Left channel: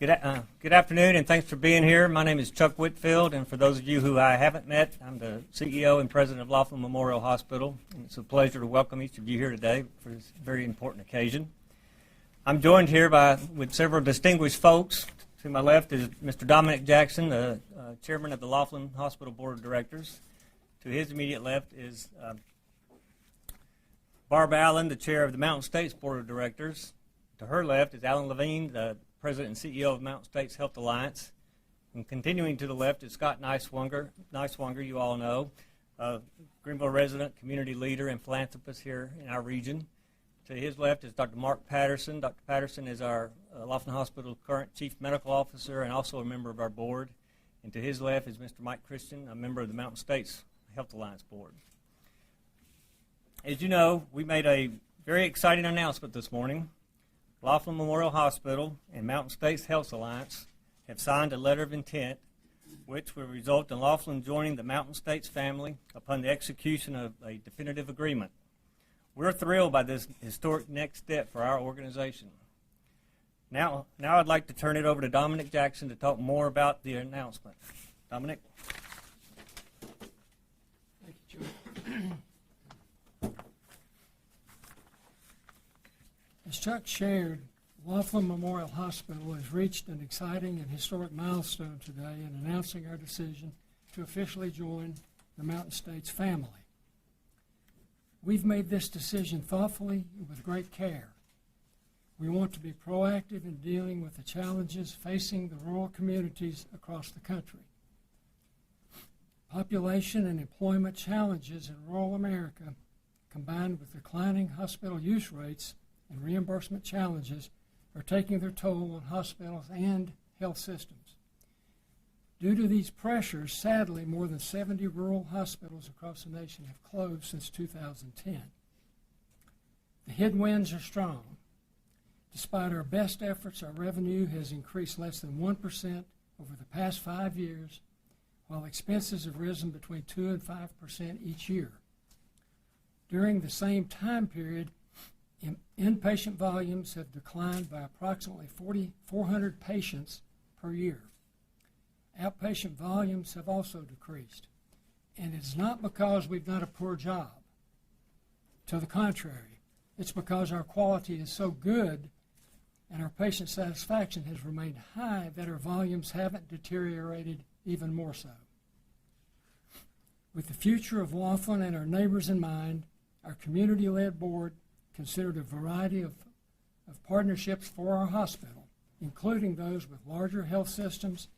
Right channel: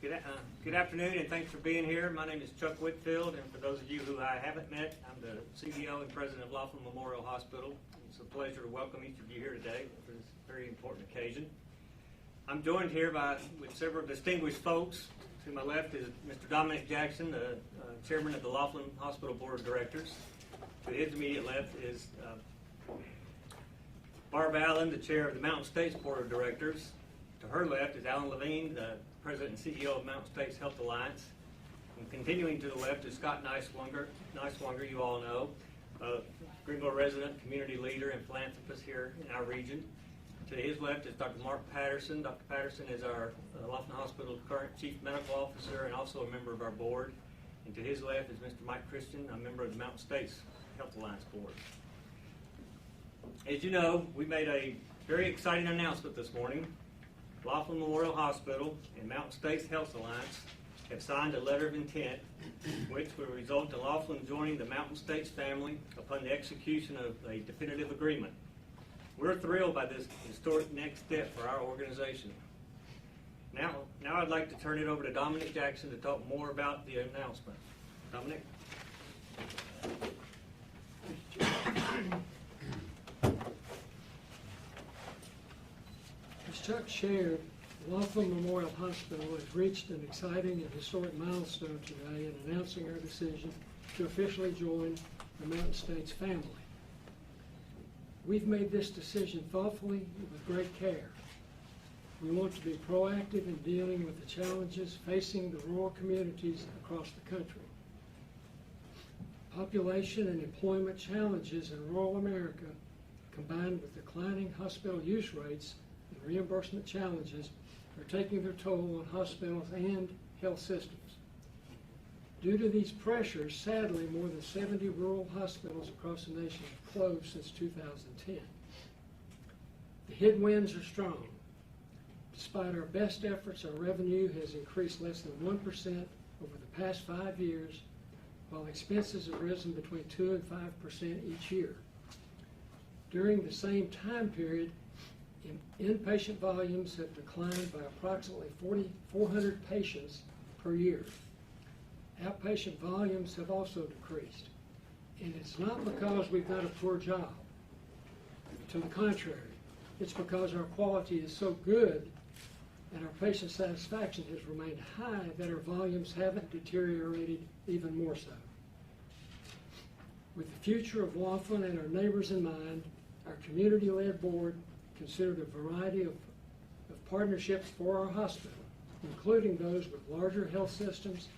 Good afternoon, and thanks for being here. My name is Chuck Whitfield, and for those of you who I haven't met, I'm the CEO and President of Laughlin Memorial Hospital. And it's a pleasure to welcome each of you here today for this very important occasion. I'm joined here with several distinguished folks. To my left is Mr. Dominic Jackson, the Chairman of the Laughlin Hospital Board of Directors. To his immediate left is Barb Allen, the Chair of the Mountain States Board of Directors. To her left is Alan Levine, the President and CEO of Mountain States Health Alliance. And continuing to the left is Scott Niswanger, you all know, Greeneville resident, community leader, and philanthropist here in our region. To his left is Dr. Mark Patterson. Dr. Patterson is our Laughlin Hospital current Chief Medical Officer and also a member of our board. And to his left is Mr. Mike Christian, a member of the Mountain States Health Alliance Board. As you know, we made a very exciting announcement this morning. Laughlin Memorial Hospital and Mountain States Health Alliance have signed a letter of intent which will result in Laughlin joining the Mountain States family upon the execution of a definitive agreement. We're thrilled by this historic next step for our organization. Now I'd like to turn it over to Dominic Jackson to talk more about the announcement. Dominic? As Chuck shared, Laughlin Memorial Hospital has reached an exciting and historic milestone today in announcing our decision to officially join the Mountain States family. We've made this decision thoughtfully and with great care. We want to be proactive in dealing with the challenges facing the rural communities across the country. Population and employment challenges in rural America, combined with declining hospital use rates and reimbursement challenges, are taking their toll on hospitals and health systems. Due to these pressures, sadly, more than 70 rural hospitals across the nation have closed since 2010. The headwinds are strong. Despite our best efforts, our revenue has increased less than 1% over the past 5 years, while expenses have risen between 2 and 5% each year. During the same time period, inpatient volumes have declined by approximately 4,400 patients per year. Outpatient volumes have also decreased. And it's not because we've done a poor job. To the contrary, it's because our quality is so good and our patient satisfaction has remained high that our volumes haven't deteriorated even more so. With the future of Laughlin and our neighbors in mind, our community-led board considered a variety of partnerships for our hospital, including those with larger health systems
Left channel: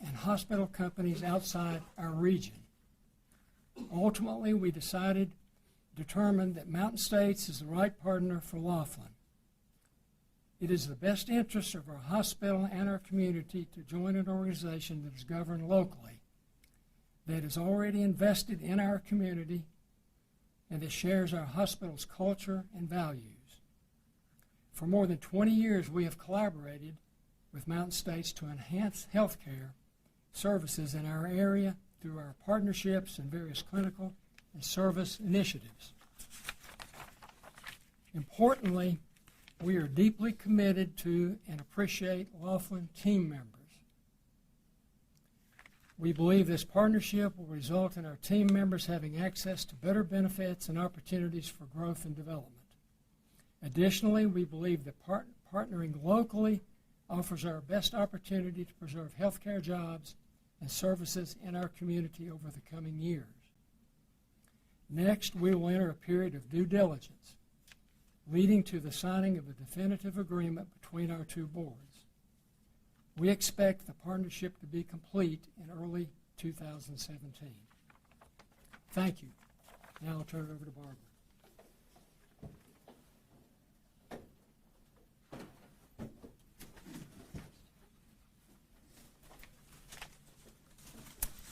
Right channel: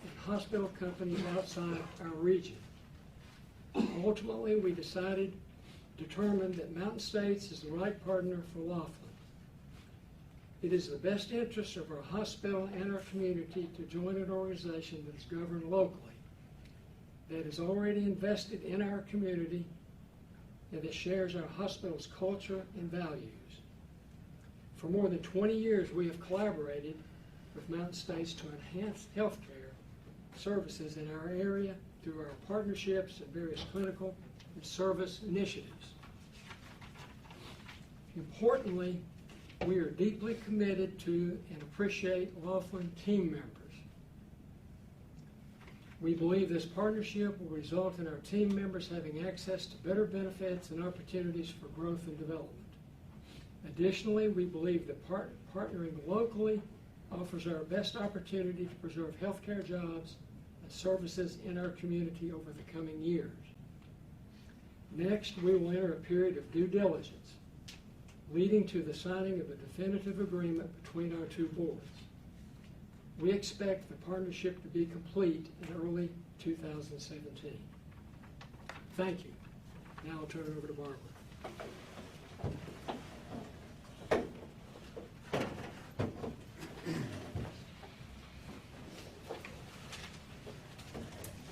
and hospital companies outside our region. Ultimately, we determined that Mountain States is the right partner for Laughlin. It is the best interest of our hospital and our community to join an organization that is governed locally, that is already invested in our community, and that shares our hospital's culture and values. For more than 20 years, we have collaborated with Mountain States to enhance healthcare services in our area through our partnerships and various clinical and service initiatives. Importantly, we are deeply committed to and appreciate Laughlin team members. We believe this partnership will result in our team members having access to better benefits and opportunities for growth and development. Additionally, we believe that partnering locally offers our best opportunity to preserve healthcare jobs and services in our community over the coming years. Next, we will enter a period of due diligence, leading to the signing of a definitive agreement between our two boards. We expect the partnership to be complete in early 2017. Thank you. Now I'll turn it over to Barbara.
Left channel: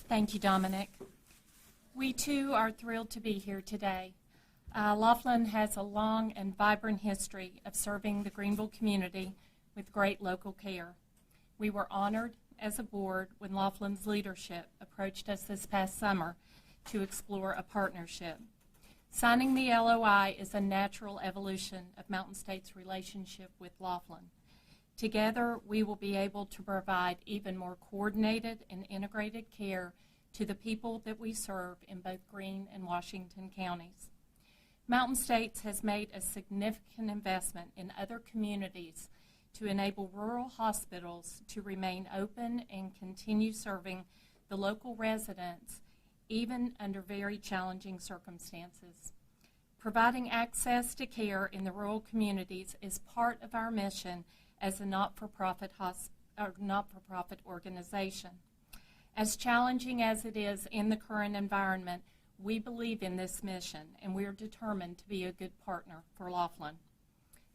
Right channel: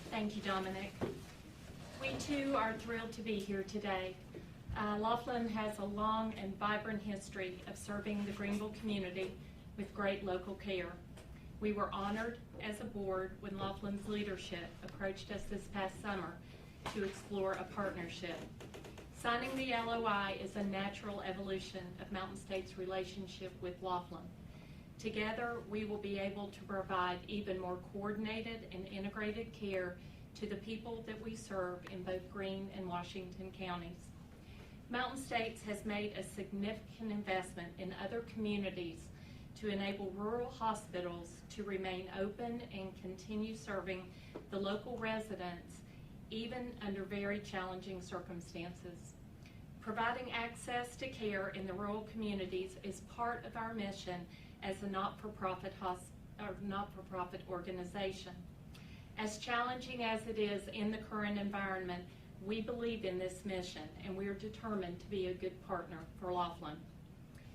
Thank you, Dominic. We too are thrilled to be here today. Laughlin has a long and vibrant history of serving the Greeneville community with great local care. We were honored as a board when Laughlin's leadership approached us this past summer to explore a partnership. Signing the LOI is a natural evolution of Mountain States' relationship with Laughlin. Together, we will be able to provide even more coordinated and integrated care to the people that we serve in both Greene and Washington counties. Mountain States has made a significant investment in other communities to enable rural hospitals to remain open and continue serving the local residents even under very challenging circumstances. Providing access to care in the rural communities is part of our mission as a not-for-profit organization. As challenging as it is in the current environment, we believe in this mission and we are determined to be a good partner for Laughlin.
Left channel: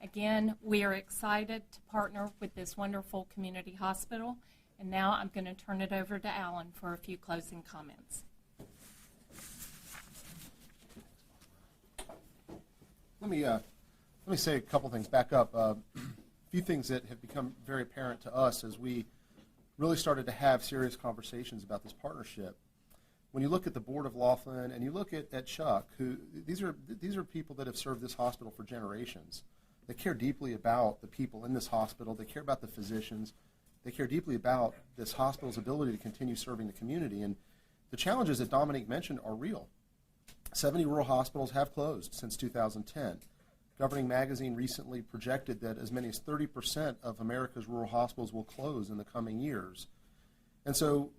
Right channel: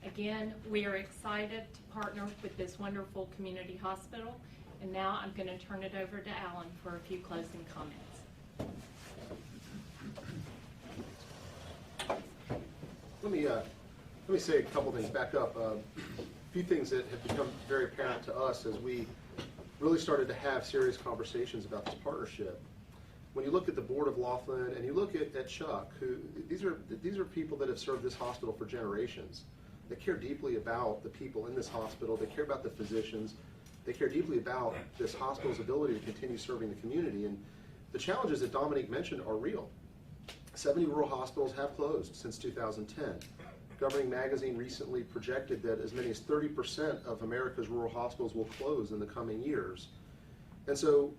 Again, we are excited to partner with this wonderful community hospital, and now I'm going to turn it over to Alan for a few closing comments. Let me say a couple things back up. A few things that have become very apparent to us as we really started to have serious conversations about this partnership. When you look at the board of Laughlin and you look at Chuck, who these are people that have served this hospital for generations. They care deeply about the people in this hospital. They care about the physicians. They care deeply about this hospital's ability to continue serving the community. And the challenges that Dominique mentioned are real. 70 rural hospitals have closed since 2010. Governing Magazine recently projected that as many as 30% of America's rural hospitals will close in the coming years. And so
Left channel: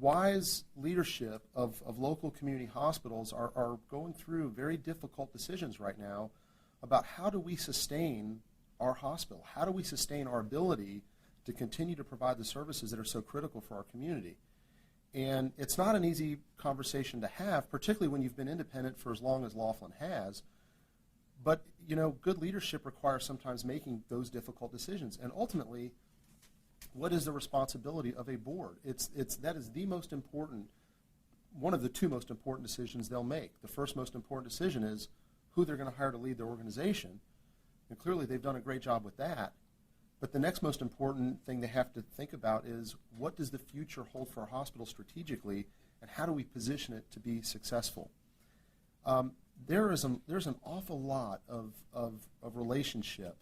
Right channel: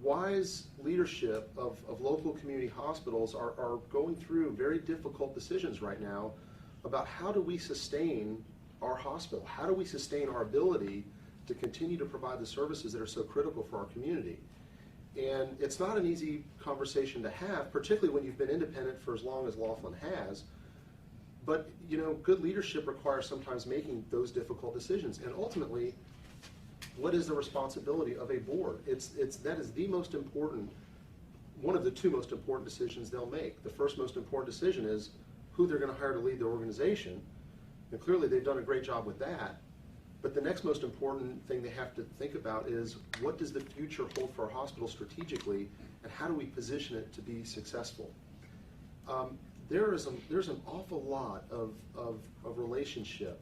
wise leadership of local community hospitals are going through very difficult decisions right now about how do we sustain our hospital? How do we sustain our ability to continue to provide the services that are so critical for our community? And it's not an easy conversation to have, particularly when you've been independent for as long as Laughlin has. But, you know, good leadership requires sometimes making those difficult decisions. And ultimately, what is the responsibility of a board? That is the most important, one of the two most important decisions they'll make. The first most important decision is who they're going to hire to lead the organization. And clearly they've done a great job with that. But the next most important thing they have to think about is what does the future hold for our hospital strategically, and how do we position it to be successful? There's an awful lot of relationship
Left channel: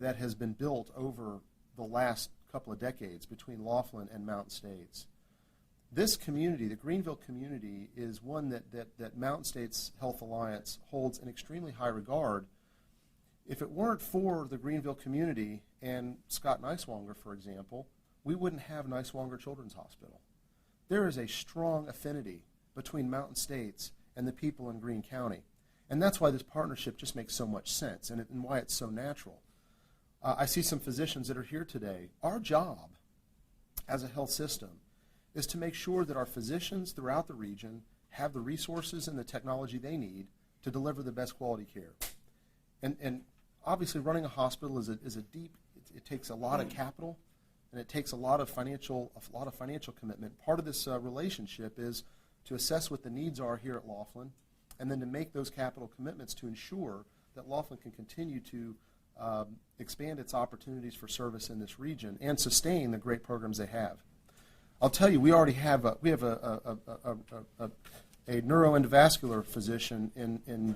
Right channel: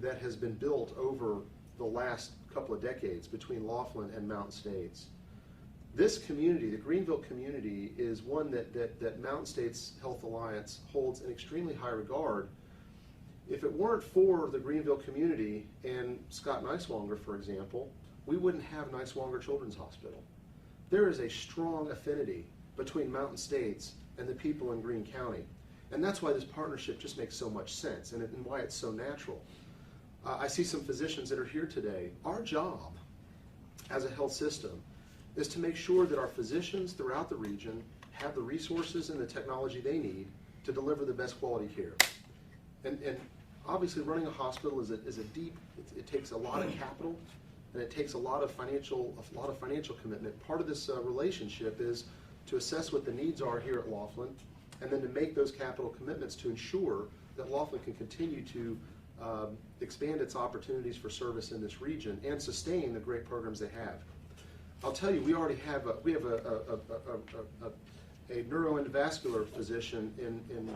that has been built over the last couple of decades between Laughlin and Mountain States. This community, the Greeneville community, is one that Mountain States Health Alliance holds in extremely high regard. If it weren't for the Greeneville community and Scott Niswonger, for example, we wouldn't have Niswonger Children's Hospital. There is a strong affinity between Mountain States and the people in Greene County. And that's why this partnership just makes so much sense and why it's so natural. I see some physicians that are here today. Our job as a health system is to make sure that our physicians throughout the region have the resources and the technology they need to deliver the best quality care. And obviously running a hospital is a deep, it takes a lot of capital and it takes a lot of financial commitment. Part of this relationship is to assess what the needs are here at Laughlin and then to make those capital commitments to ensure that Laughlin can continue to expand its opportunities for service in this region and sustain the great programs they have. I'll tell you, we already have a neuroendovascular physician in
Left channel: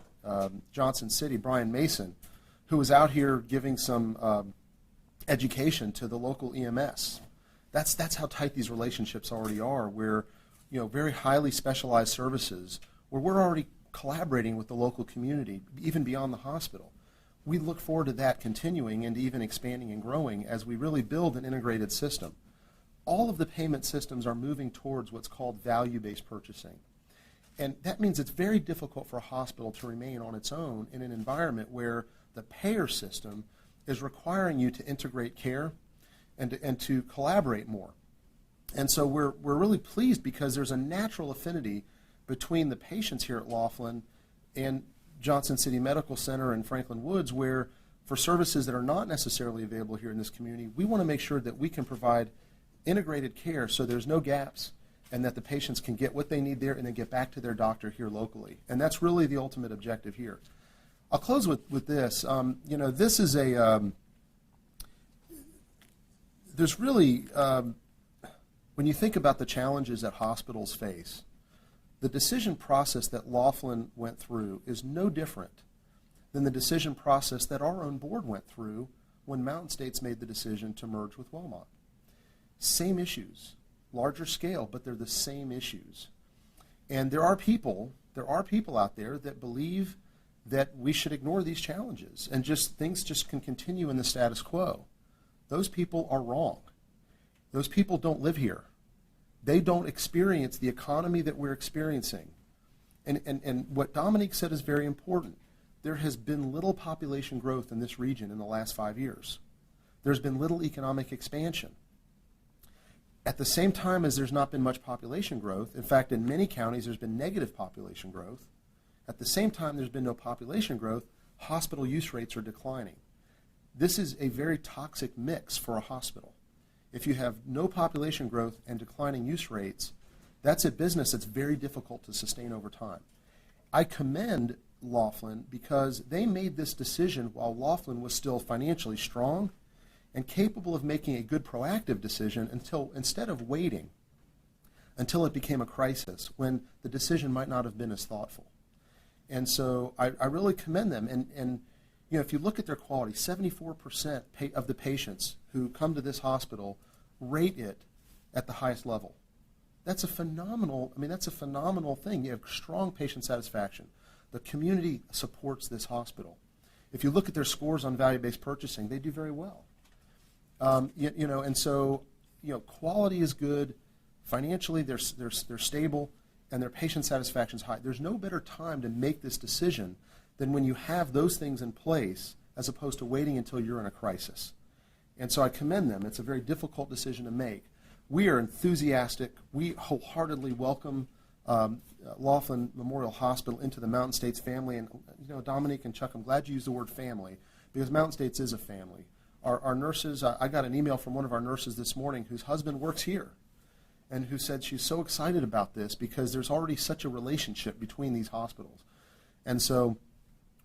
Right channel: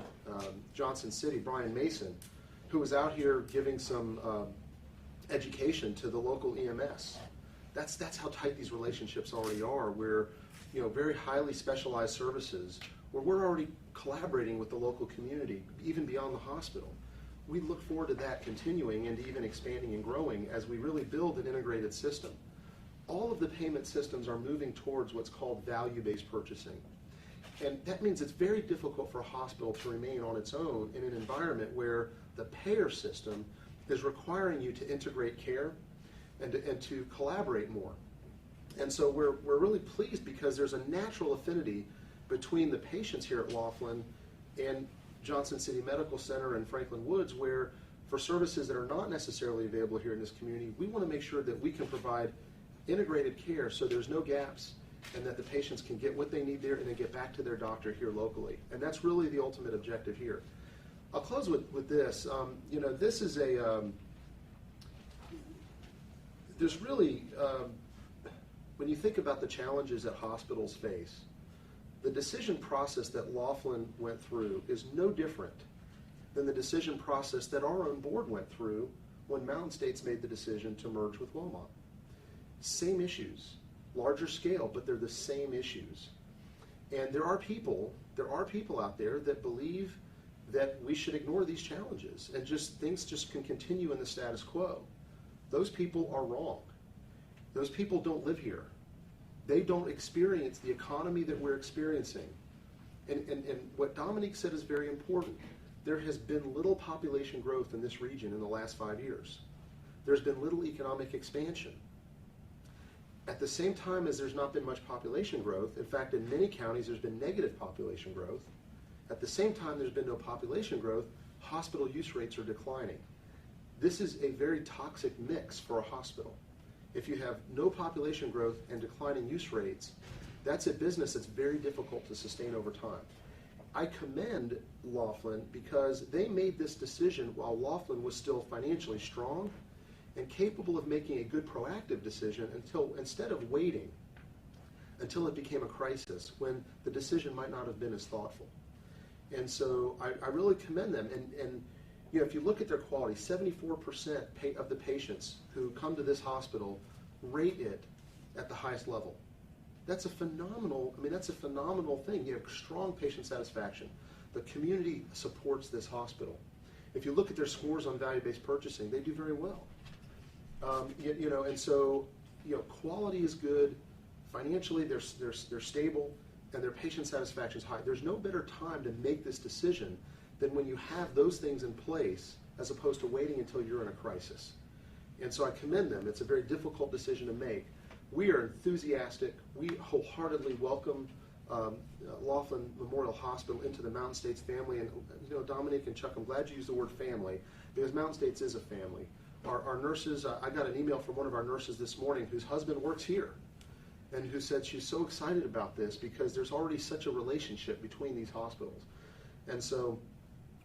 Johnson City, Brian Mason, who was out here giving some education to the local EMS. That's how tight these relationships already are, where, you know, very highly specialized services, where we're already collaborating with the local community, even beyond the hospital. We look forward to that continuing and even expanding and growing as we really build an integrated system. All of the payment systems are moving towards what's called value-based purchasing. And that means it's very difficult for a hospital to remain on its own in an environment where the payer system is requiring you to integrate care and to collaborate more. And so we're really pleased because there's a natural affinity between the patients here at Laughlin and Johnson City Medical Center and Franklin Woods, where for services that are not necessarily available here in this community, we want to make sure that we can provide integrated care so there's no gaps and that the patients can get what they need there and then get back to their doctor here locally. And that's really the ultimate objective here. I'll close with this. You know, this is there's really, when you think about the challenges that hospitals face, the decision process that Laughlin went through is no different than the decision process that our own board went through when Mountain States made the decision to merge with Wellmont. Same issues, larger scale, but they're the same issues. And there are people out there that believe that we should ignore these challenges and things just can continue in the status quo. Those people are wrong. Those people don't live here. They don't experience the economy that we're experiencing. And what Dominique said is very important. There has been little population growth in this region in the last 5 years. There's been little economic expansion. At the same time as there's not been much population growth, in fact, in many counties there's been negative population growth. At the same time there's been no population growth, hospital use rates are declining. This is a very toxic mix for a hospital. If you have no population growth and declining use rates, that's a business that's very difficult to sustain over time. I commend Laughlin because they made this decision while Laughlin was still financially strong and capable of making a good proactive decision instead of waiting until it became a crisis when the decision might not have been as thoughtful. And so I really commend them. And you know, if you look at their quality, 74% of the patients who come to this hospital rate it at the highest level. That's a phenomenal thing. You have strong patient satisfaction. The community supports this hospital. If you look at their scores on value-based purchasing, they do very well. And so, quality is good. Financially, they're stable, and their patient satisfaction is high. There's no better time to make this decision than when you have those things in place, as opposed to waiting until you're in a crisis. And so I commend them. It's a very difficult decision to make. We are enthusiastic. We wholeheartedly welcome Laughlin Memorial Hospital into the Mountain States family. And Dominique and Chuck, I'm glad you used the word family, because Mountain States is a family. Our nurses, I got an email from one of our nurses this morning whose husband works here, and who said she's so excited about this because there's already such a relationship between these hospitals. And so,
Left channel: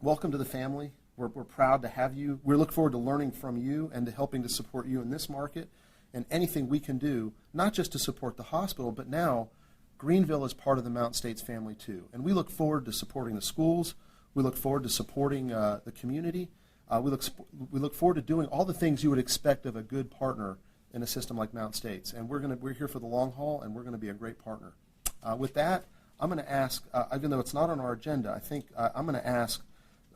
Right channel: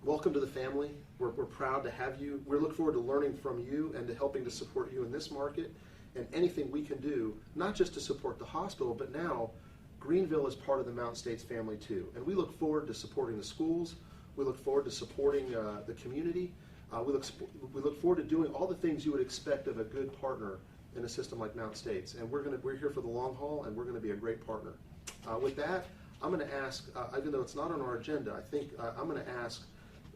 welcome to the family. We're proud to have you. We look forward to learning from you and to helping to support you in this market and anything we can do, not just to support the hospital, but now Greeneville is part of the Mountain States family too. And we look forward to supporting the schools. We look forward to supporting the community. We look forward to doing all the things you would expect of a good partner in a system like Mountain States. And we're here for the long haul, and we're going to be a great partner. With that, I'm going to ask, even though it's not on our agenda, I think I'm going to ask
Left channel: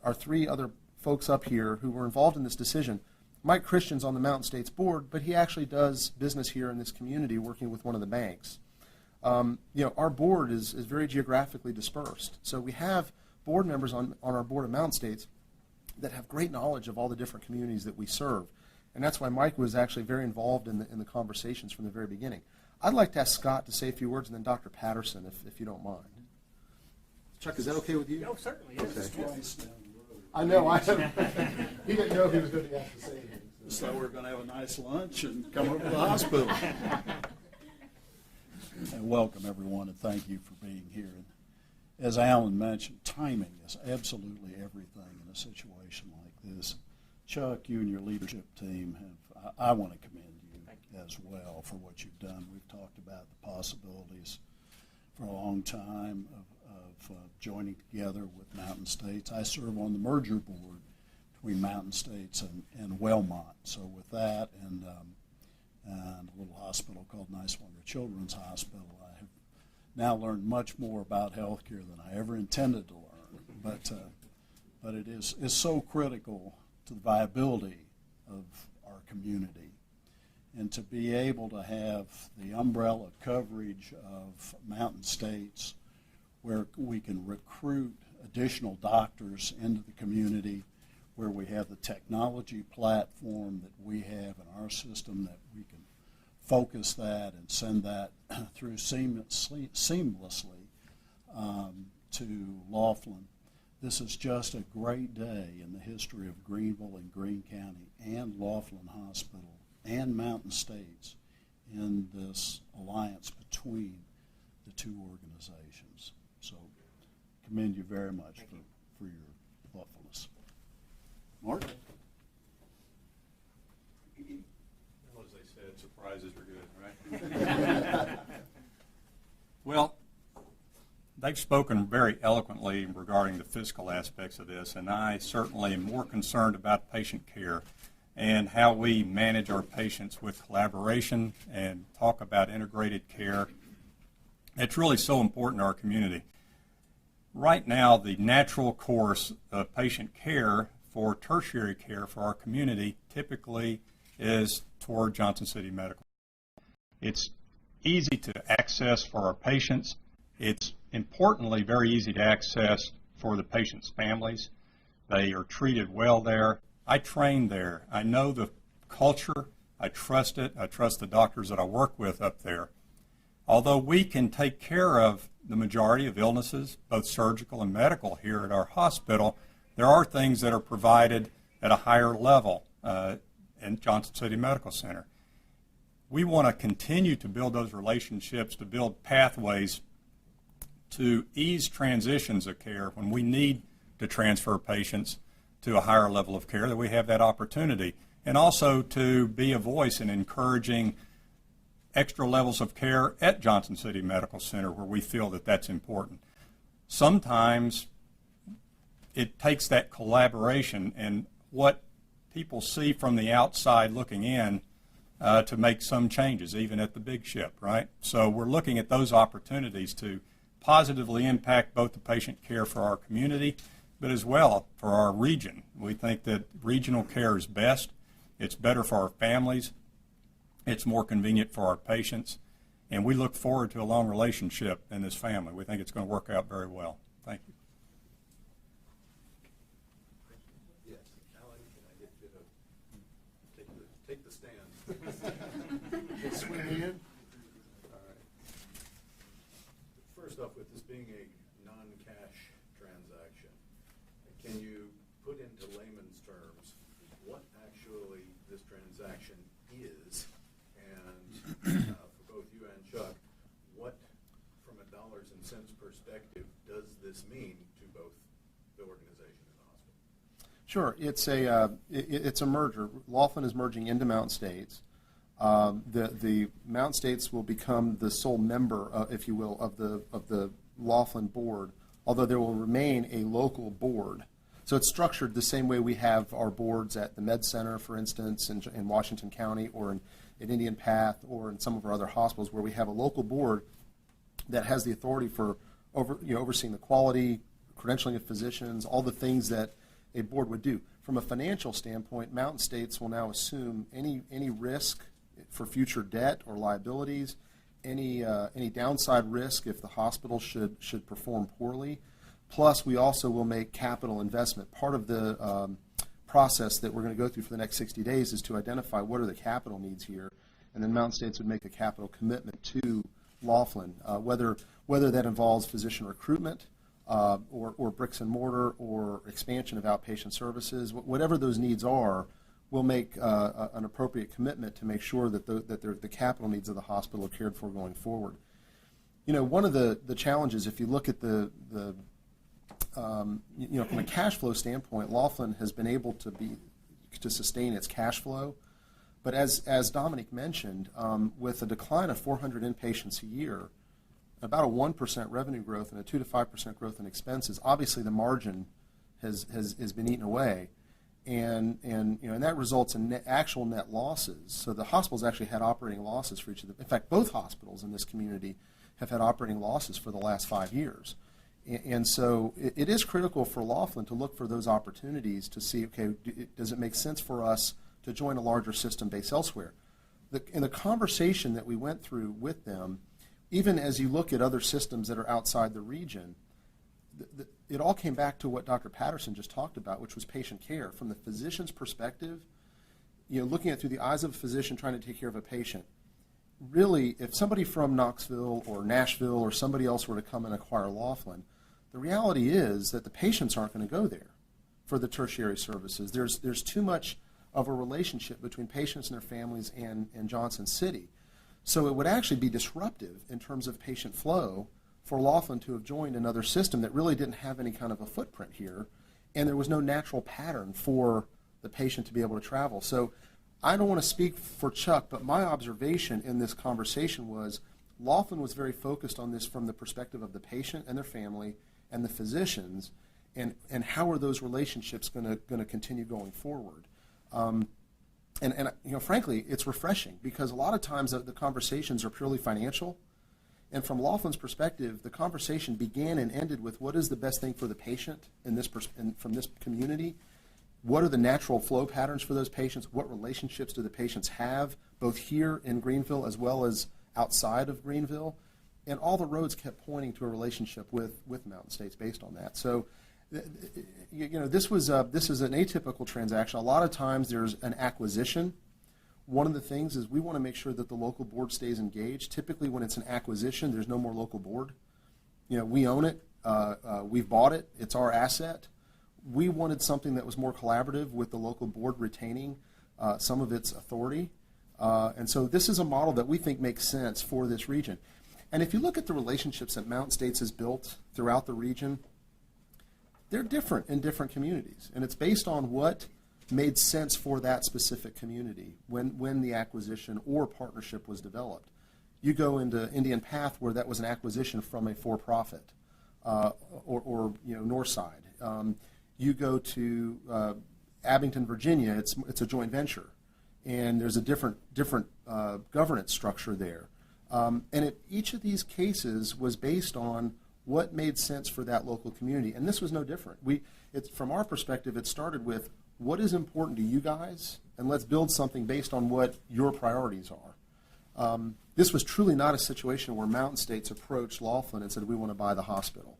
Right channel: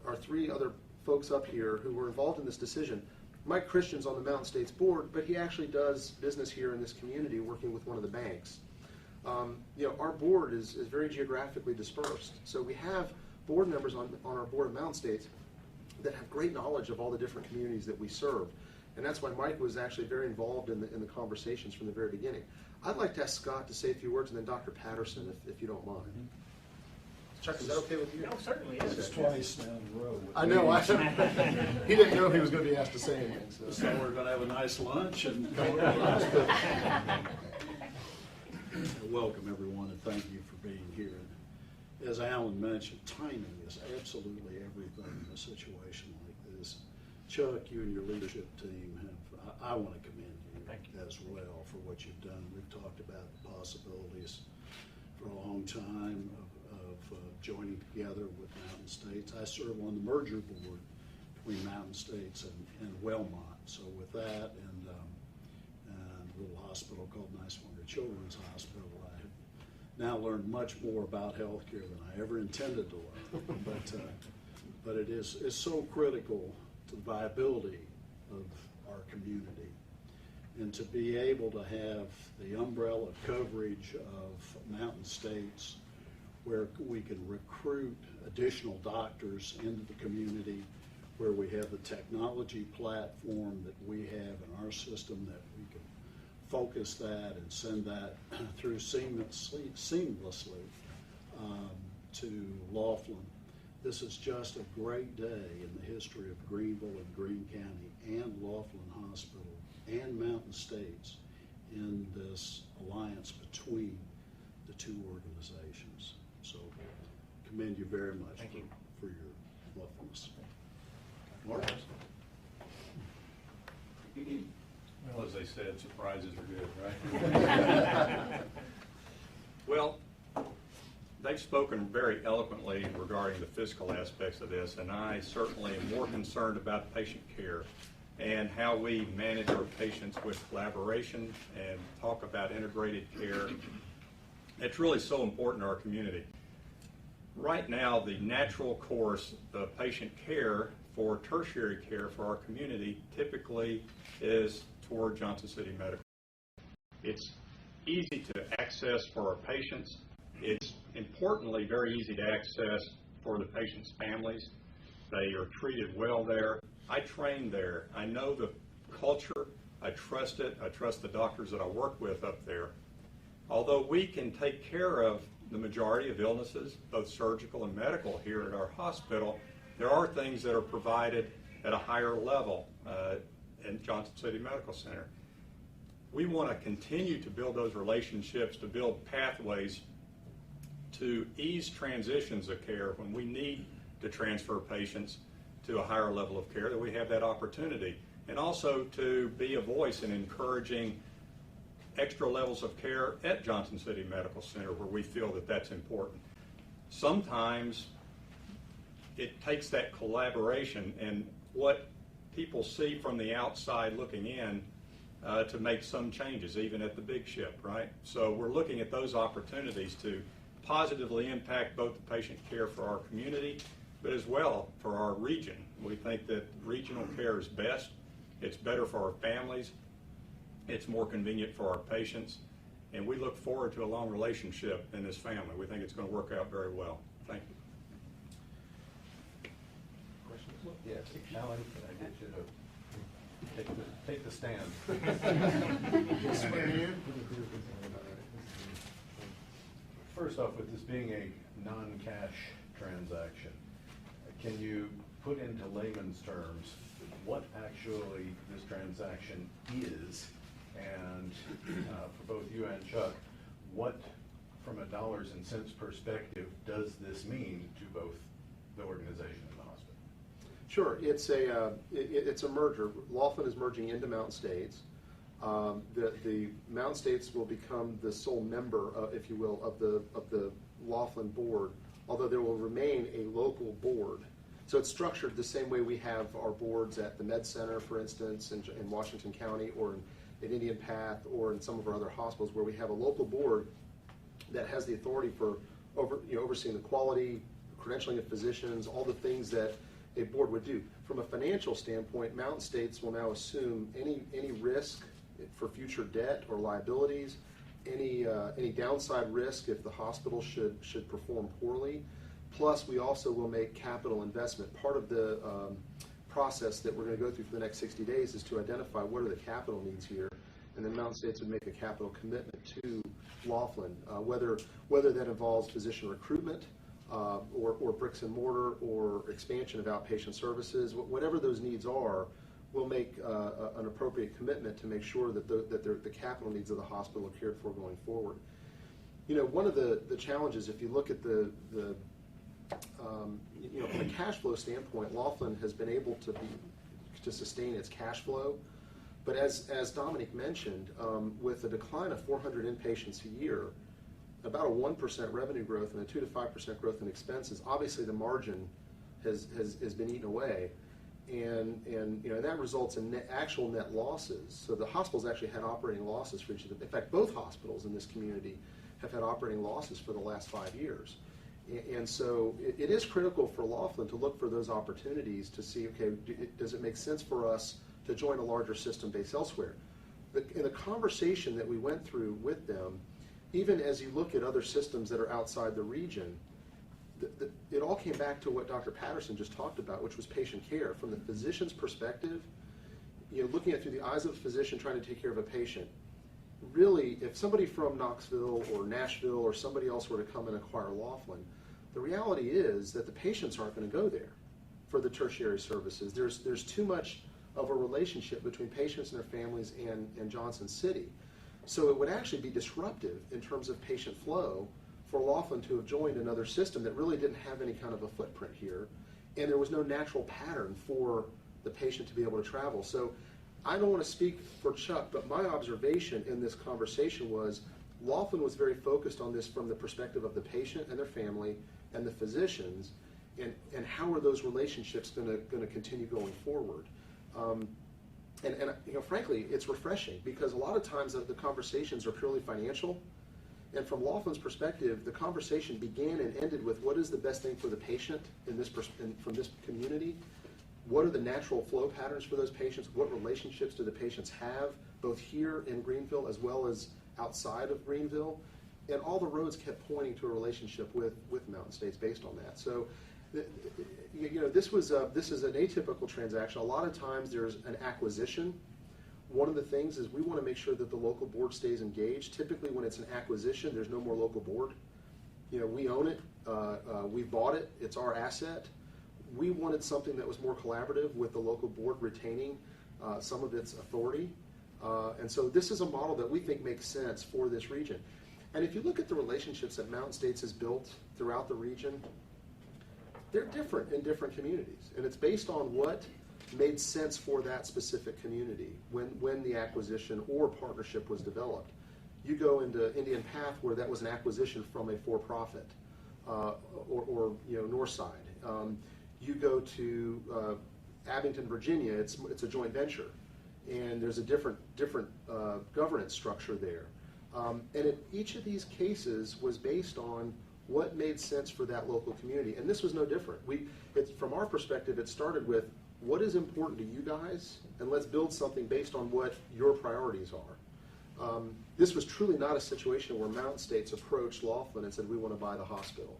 our three other folks up here who were involved in this decision. Mike Christian's on the Mountain States board, but he actually does business here in this community working with one of the banks. Our board is very geographically dispersed. So we have board members on our board of Mountain States that have great knowledge of all the different communities that we serve. And that's why Mike was actually very involved in the conversations from the very beginning. I'd like to ask Scott to say a few words, and then Dr. Patterson, if you don't mind. Chuck, is that okay with you? No, certainly. It's Yes. twice down the road. I know. He didn't know if he was going to be asked to say anything. So we're going to have a nice lunch and come over to the hospital. And welcome, everyone, and thank you for being here. As Alan mentioned, timing is absolutely everything in a situation like this. Chuck, you and your leadership team I want to commend you as well for what you've done. We've talked about the possibilities for a long time of joining together with Mountain States. I serve on the merger board between Mountain States and Wellmont. So with that and a little hospital called Niswonger Children's Hospital, I have now learned much more about healthcare than I ever intended to learn. But it's so critical to the viability of our community. And to be able to have the umbrella coverage of Mountain States where we can recruit additional doctors into the community, where we have the technology platform that we have in our system that we can focus that and send that through seamlessly to Laughlin. This is just a great day in the history of Greeneville and Greene County and Laughlin Hospital and Mountain States in this alliance between the two organizations. So commend you very much for your thoughtfulness. Mark? Well, as they said, surprises are good, right? Well, they've spoken very eloquently regarding the physical aspects of this, and I certainly am more concerned about patient care and how we manage our patients with collaboration and talk about integrated care. It's really so important to our community. Right now, the natural course of patient care for tertiary care for our community typically is toward Johnson City Medical. It's easy to access for our patients. It's importantly very easy to access for the patients' families. They are treated well there. I trained there. I know the culture. I trust it. I trust the doctors that I work with up there. Although we can take care of the majority of illnesses, both surgical and medical, here at our hospital, there are things that are provided at a higher level in Johnson City Medical Center. We want to continue to build those relationships, to build pathways to ease transitions of care when we need to transfer patients to a higher level of care, that we have that opportunity. And also to be a voice in encouraging extra levels of care at Johnson City Medical Center where we feel that that's important. Sometimes it takes that collaboration and what people see from the outside looking in to make some changes, even at the big ship, right? So we're looking at those opportunities to positively impact both the patient care for our community, but as well for our region. We think that regional care is best. It's better for our families. It's more convenient for our patients. And we look forward to a long relationship in this family. We think it's going to work out very well. Thank you. Questions? Yeah, Alan, can I get you to take the stand? Swear in. First off, with this being a non-cash transaction, can you put into layman's terms what actually this transaction is? And for both you and Chuck, what, from a dollars and cents perspective, does this mean to both the organization and the hospital? Sure, it's a merger. Laughlin is merging into Mountain States. The Mountain States will become the sole member, if you will, of the Laughlin board, although there will remain a local board. So it's structured the same way we have our boards at the Med Center, for instance, in Washington County, or in Indian Path, or in some of our other hospitals, where we have a local board that has the authority for overseeing the quality, credentialing of physicians, all the things that a board would do. From a financial standpoint, Mountain States will now assume any risk for future debt or liabilities, any downside risk if the hospital should perform poorly. Plus, we also will make capital investment. Part of the process that we're going to go through for the next 60 days is to identify what are the capital needs here, and then Mountain States would make a capital commitment to Laughlin, whether that involves physician recruitment or bricks and mortar or expansion of outpatient services. Whatever those needs are, we'll make an appropriate commitment to make sure that the capital needs of the hospital are cared for going forward. One of the challenges, if you look at from a cash flow standpoint, Laughlin has been able to sustain its cash flow. But as Dominic mentioned, with a decline of 400 inpatients a year, about a 1% revenue growth and a 2 to 5% growth in expenses, obviously the margin has been eaten away, and that results in actual net losses. So the hospitals actually had operating losses for each of them. In fact, both hospitals in this community have had operating losses for the last 5 years. And so it is critical for Laughlin to look for those opportunities to see, okay, does it make sense for us to join a larger system based elsewhere? In the conversation that we went through with them, even as you look at other systems that are outside the region, it all came back to what Dr. Patterson just talked about, which was patient care. From the physician's perspective, looking at it through the eyes of a physician trying to take care of a patient, really, if somebody from Knoxville or Nashville or somebody else were to come and acquire Laughlin, the reality is that the patients aren't going to go there for the tertiary services. There's too much of a relationship between patients and their families and Johnson City. So it would actually be disruptive in terms of patient flow for Laughlin to have joined another system that really didn't have any kind of a footprint here, and there was no natural pattern for the patient to be able to travel. So I don't want to speak for Chuck, but my observation in this conversation was Laughlin was very focused on this from the perspective of the patient and their family and the physicians, and how are those relationships going to continue going forward. and frankly, it's refreshing because a lot of times the conversations are purely financial. And from Laughlin's perspective, the conversation began and ended with what is the best thing for the patient from this community? What are the natural flow patterns for those patients? What relationships do the patients have, both here in Greeneville as well as outside of Greeneville? And all the roads kept pointing to a relationship with Mountain States based on that. So, this is an atypical transaction. A lot of times there's an acquisition. One of the things is we want to make sure that the local board stays engaged. Typically when it's an acquisition, there's no more local board. We own it. We've bought it. It's our asset. We wanted something that was more collaborative with the local board retaining some of its authority. And so this is a model that we think makes sense for this region. And if you look at the relationships that Mountain States has built throughout the region, they're different in different communities. And it's based on what made sense for that specific community when the acquisition or partnership was developed. You go into Indian Path where that was an acquisition from a for-profit or Northside. You go to Abington, Virginia, it's a joint venture, and there's a different governance structure there. And each of these cases was based on what made sense for that local community, and this was no different. From our perspective, it started with what is important to you guys, and let's build something based on what your priorities are. This was truly not a situation where Mountain States approached Laughlin and said, we want to buy the hospital.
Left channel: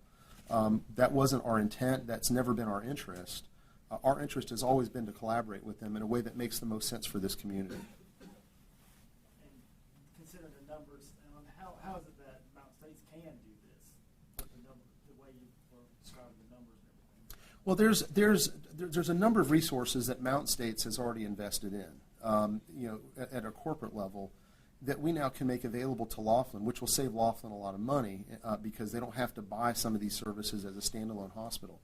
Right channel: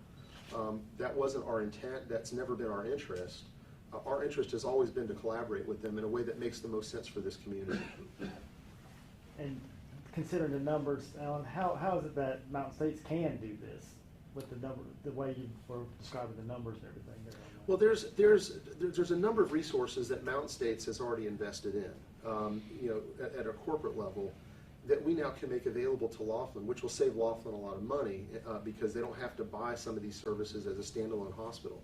That wasn't our intent. That's never been our interest. Our interest has always been to collaborate with them in a way that makes the most sense for this community. And considering the numbers, Alan, how is it that Mountain States can do this with the way you were describing the numbers and everything? Well, there's a number of resources that Mountain States has already invested in, at a corporate level, that we now can make available to Laughlin, which will save Laughlin a lot of money because they don't have to buy some of these services as a standalone hospital.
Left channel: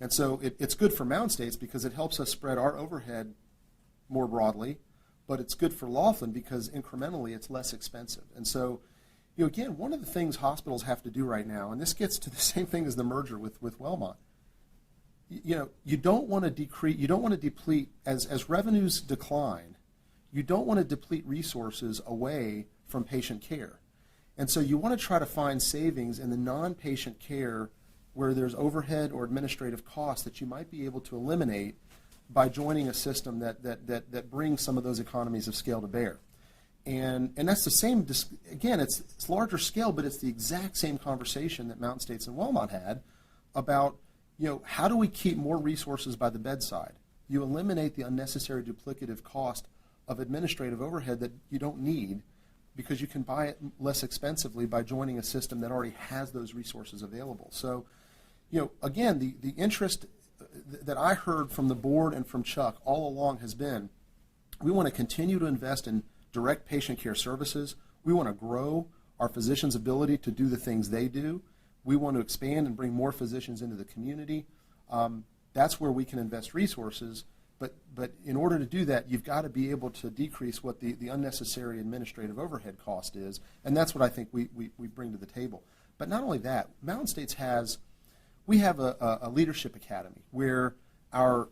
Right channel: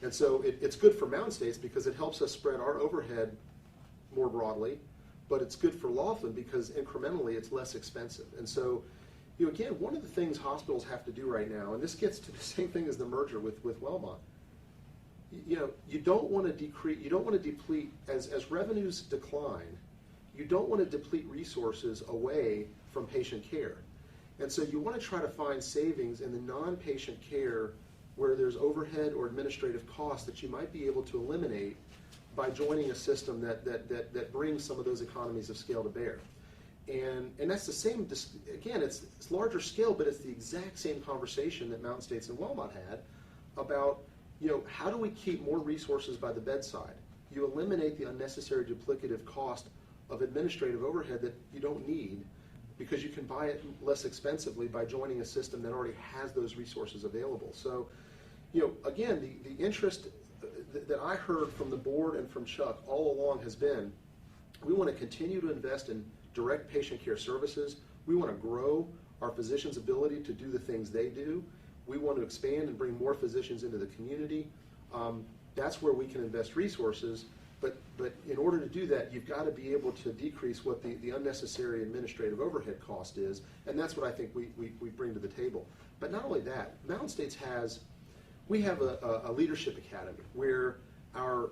And so it's good for Mountain States because it helps us spread our overhead more broadly, but it's good for Laughlin because incrementally it's less expensive. And so, again, one of the things hospitals have to do right now, and this gets to the same thing as the merger with Wellmont, you don't want to deplete, as revenues decline, you don't want to deplete resources away from patient care. And so you want to try to find savings in the non-patient care where there's overhead or administrative costs that you might be able to eliminate by joining a system that brings some of those economies of scale to bear. And that's the same, again, it's larger scale, but it's the exact same conversation that Mountain States and Wellmont had about, how do we keep more resources by the bedside? You eliminate the unnecessary duplicative cost of administrative overhead that you don't need because you can buy it less expensively by joining a system that already has those resources available. So, again, the interest that I heard from the board and from Chuck all along has been, we want to continue to invest in direct patient care services. We want to grow our physicians' ability to do the things they do. We want to expand and bring more physicians into the community. That's where we can invest resources. But in order to do that, you've got to be able to decrease what the unnecessary administrative overhead cost is, and that's what I think we bring to the table. But not only that, Mountain States we have a leadership academy where our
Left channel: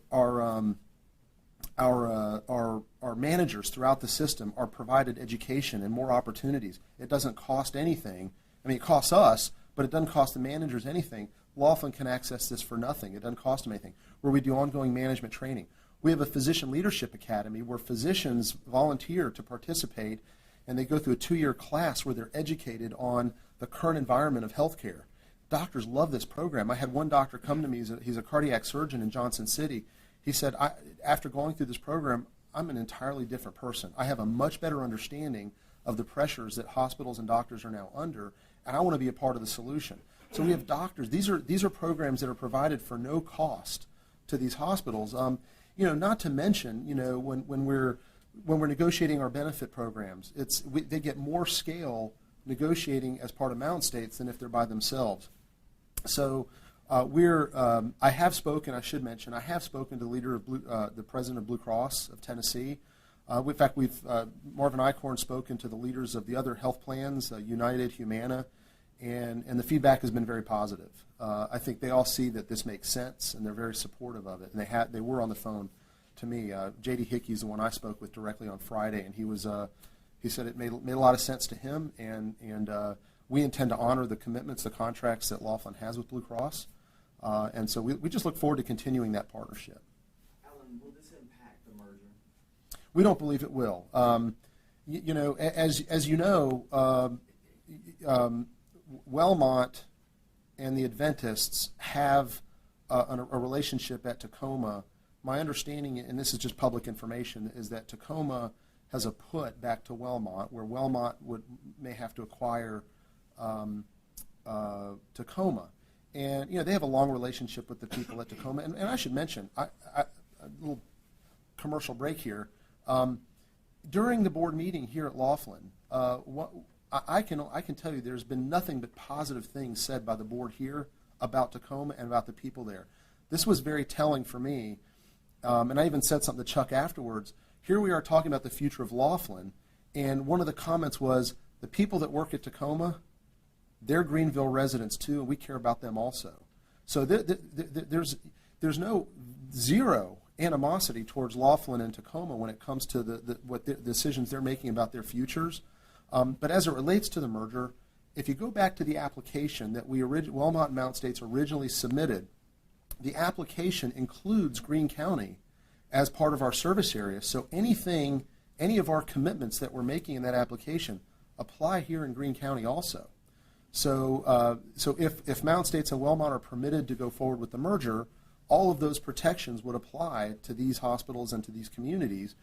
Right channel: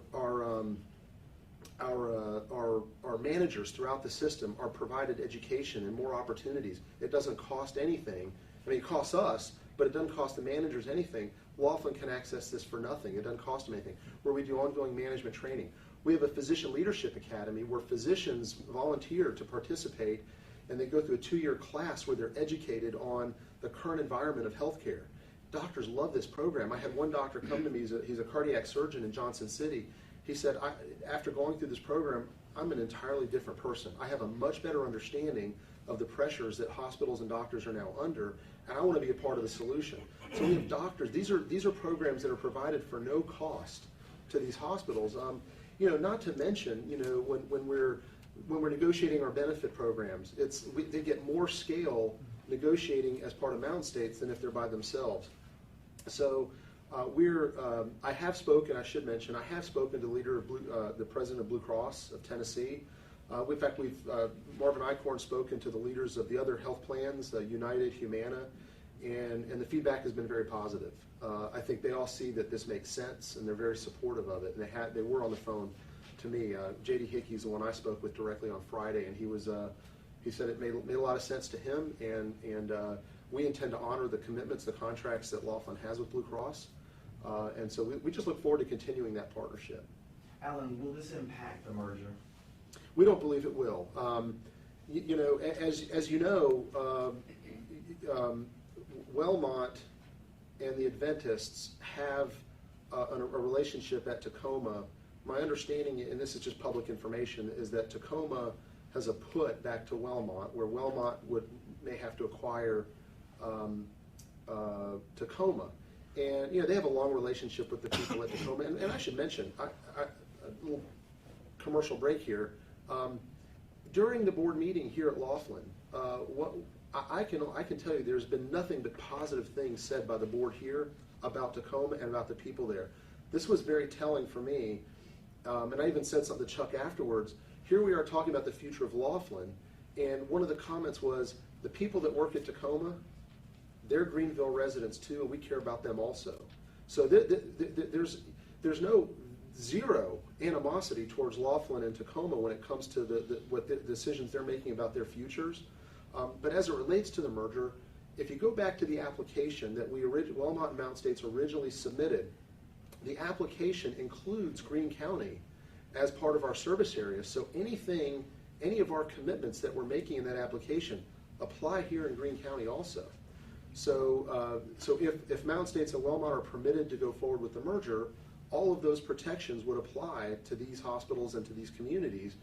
managers throughout the system are provided education and more opportunities. It doesn't cost anything. I mean, it costs us, but it doesn't cost the managers anything. Laughlin can access this for nothing. It doesn't cost them anything. Where we do ongoing management training. We have a physician leadership academy where physicians volunteer to participate, and they go through a 2-year class where they're educated on the current environment of healthcare. Doctors love this program. I had one doctor come to me, he's a cardiac surgeon in Johnson City. He said, after going through this program, I'm an entirely different person. I have a much better understanding of the pressures that hospitals and doctors are now under, and I want to be a part of the solution. So we have doctors. These are programs that are provided for no cost to these hospitals. Not to mention, when we're negotiating our benefit programs, they get more scale negotiating as part of Mountain States than if they're by themselves. So I have spoken. I should mention I have spoken to the president of Blue Cross of Tennessee. In fact, Marvin Eichhorn spoken to the leaders of the other health plans, United, Humana, and the feedback has been very positive. I think they all see that this makes sense, and they're very supportive of it. And they were on the phone to me. J.D. Hickey's the one I spoke with directly on Friday, and he said it made a lot of sense to him, and we intend to honor the commitments, the contracts that Laughlin has with Blue Cross, and so we just look forward to continuing that partnership. Alan, will this impact the merger? We don't believe it will. As you know, Wellmont and the Adventists have a relationship at Tacoma. My understanding, and this is just public information, is that Tacoma has a put back to Wellmont, where Wellmont may have to acquire Tacoma. And they have a long relationship with the people at Tacoma. And I should mention, a little commercial break here. During the board meeting here at Laughlin, I can tell you there's been nothing but positive things said by the board here about Tacoma and about the people there. This was very telling for me, and I even said something to Chuck afterwards. Here we are talking about the future of Laughlin, and one of the comments was, the people that work at Tacoma, they're Greeneville residents too, and we care about them also. So there's no zero animosity towards Laughlin and Tacoma when it comes to what the decisions they're making about their futures. But as it relates to the merger, if you go back to the application that Wellmont and Mountain States originally submitted, the application includes Greene County as part of our service area. So any of our commitments that we're making in that application apply here in Greene County also. So if Mountain States and Wellmont are permitted to go forward with the merger, all of those protections would apply to these hospitals and to these communities.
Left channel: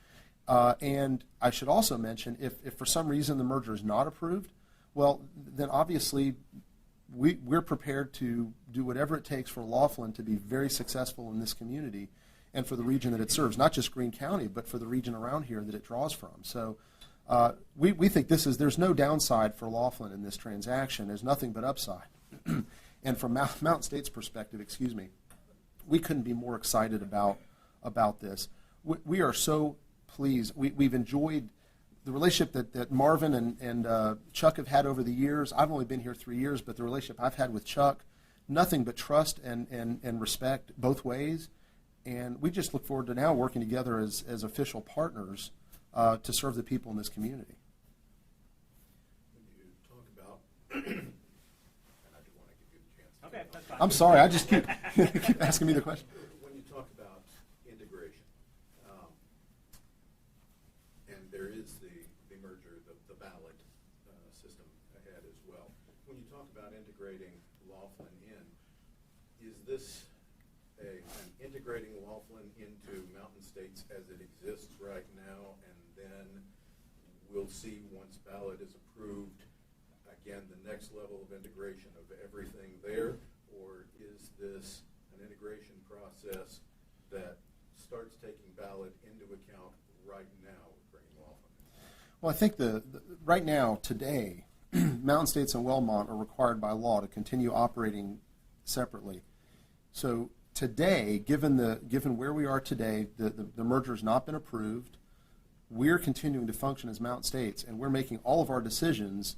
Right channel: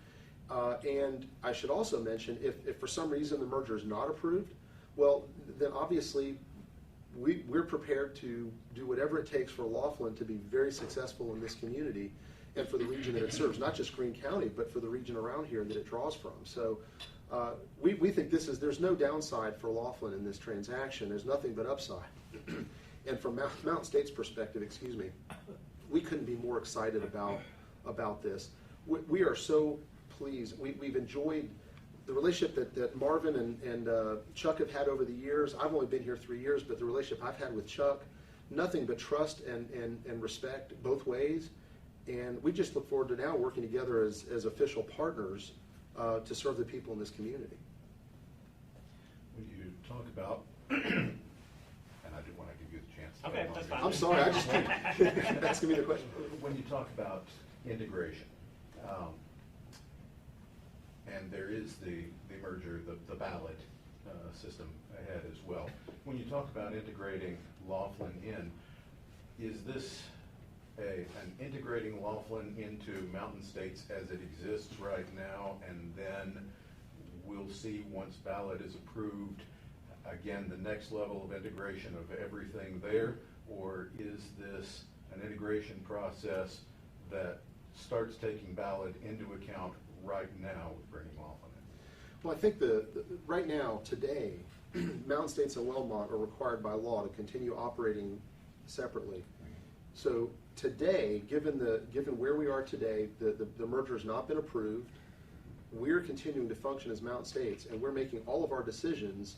And I should also mention, if for some reason the merger is not approved, well, then obviously we're prepared to do whatever it takes for Laughlin to be very successful in this community and for the region that it serves, not just Greene County, but for the region around here that it draws from. So we think there's no downside for Laughlin in this transaction. There's nothing but upside. And from Mountain State's perspective, we couldn't be more excited about this. We are so pleased. We've enjoyed the relationship that Marvin and Chuck have had over the years. I've only been here 3 years, but the relationship I've had with Chuck, nothing but trust and respect both ways. And we just look forward to now working together as official partners to serve the people in this community. When you talk about, and I do want to give you the chance. Okay, that's fine. I'm sorry, I just keep asking me the question. When you talk about integration, and there is the merger, the ballot system ahead as well. When you talk about integrating Laughlin in, is this an integrating Laughlin into Mountain States as it exists right now, and then we'll see once ballot is approved, again, the next level of integration of everything there? Or is this an integration process that starts taking ballot into account right now with bringing Laughlin in? Well, I think right now, today, Mountain States and Wellmont are required by law to continue operating separately. So today, given where we are today, the merger has not been approved. We're continuing to function as Mountain States, and we're making all of our decisions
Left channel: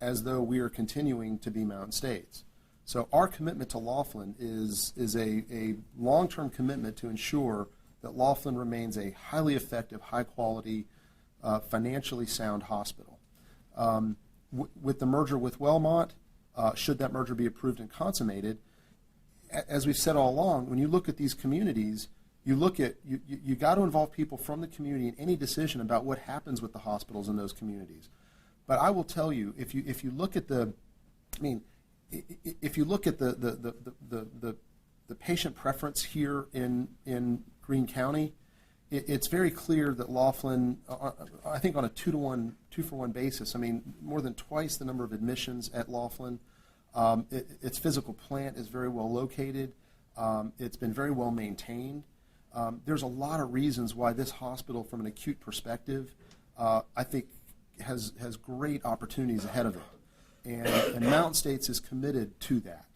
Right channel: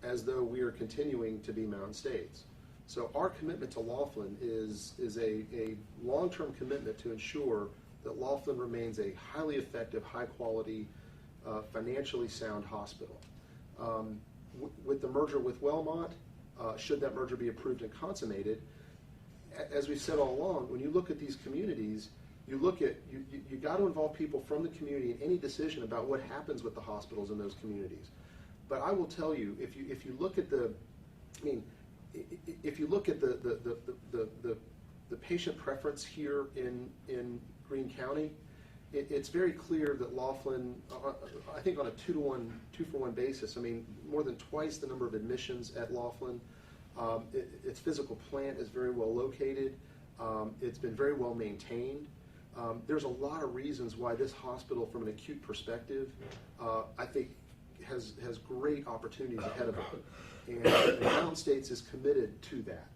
as though we are continuing to be Mountain States. So our commitment to Laughlin is a long-term commitment to ensure that Laughlin remains a highly effective, high-quality, financially sound hospital. With the merger with Wellmont, should that merger be approved and consummated, as we've said all along, when you look at these communities, you got to involve people from the community in any decision about what happens with the hospitals in those communities. But I will tell you, if you look at the patient preference here in Greene County, it's very clear that Laughlin, I think on a 2-for-1 basis, more than twice the number of admissions at Laughlin. Its physical plant is very well located. It's been very well maintained. There's a lot of reasons why this hospital, from an acute perspective, I think has great opportunities ahead of it. And Mountain States is committed to that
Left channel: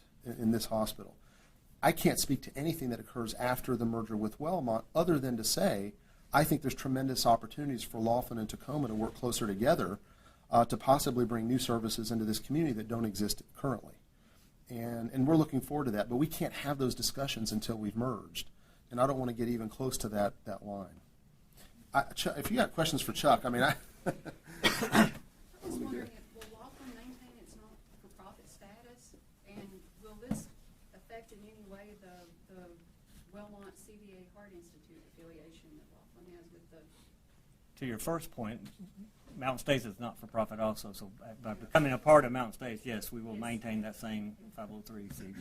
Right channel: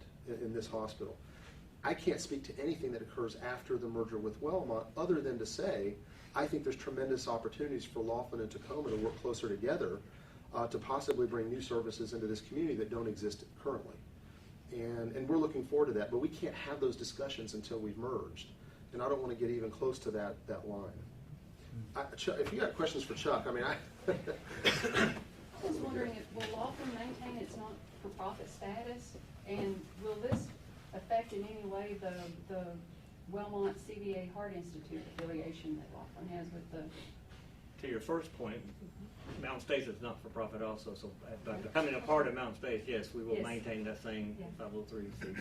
in this hospital. I can't speak to anything that occurs after the merger with Wellmont other than to say I think there's tremendous opportunities for Laughlin and Tacoma to work closer together to possibly bring new services into this community that don't exist currently. And we're looking forward to that, but we can't have those discussions until we've merged. and I don't want to get even close to that line. If you got questions for Chuck, I mean, I was wondering, will Laughlin maintain its not-for-profit status, and will this affect in any way the Wellmont CVA Heart Institute affiliation that Laughlin has with the? To your first point, Mountain States is not for profit also, so by becoming a part of Mountain States, yes, we will Yes. maintain that same Yeah. 503C.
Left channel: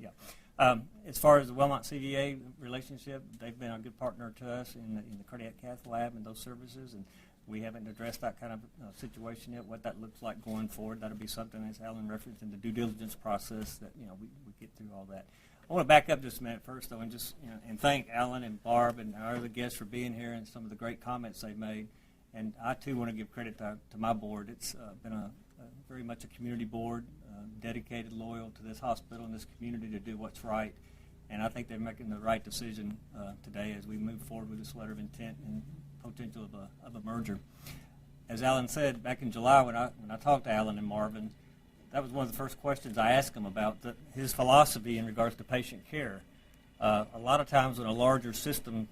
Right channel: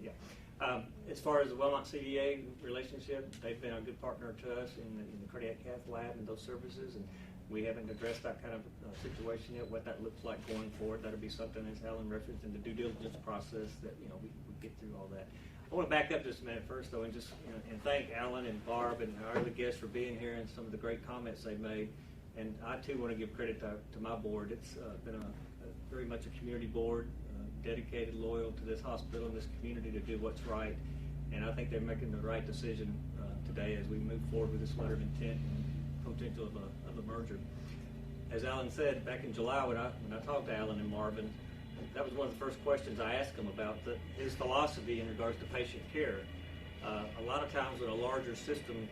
Yeah. As far as the Wellmont CVA relationship, they've been a good partner to us in the cardiac cath lab and those services, and we haven't addressed that kind of situation yet, what that looks like going forward. That'll be something, as Alan referenced, in the due diligence process that, we get through all that. I want to back up just a minute first, though, and just and thank Alan and Barb and our other guests for being here and some of the great comments they made. And I too want to give credit to my board. It's been a very much a community board, dedicated, loyal to this hospital and this community to do what's right. And I think they're making the right decision today as we move forward with this letter of intent and potential of a merger. As Alan said back in July when I talked to Alan and Marvin, that was one of the first questions I asked him about his philosophy in regards to patient care. A lot of times when a larger system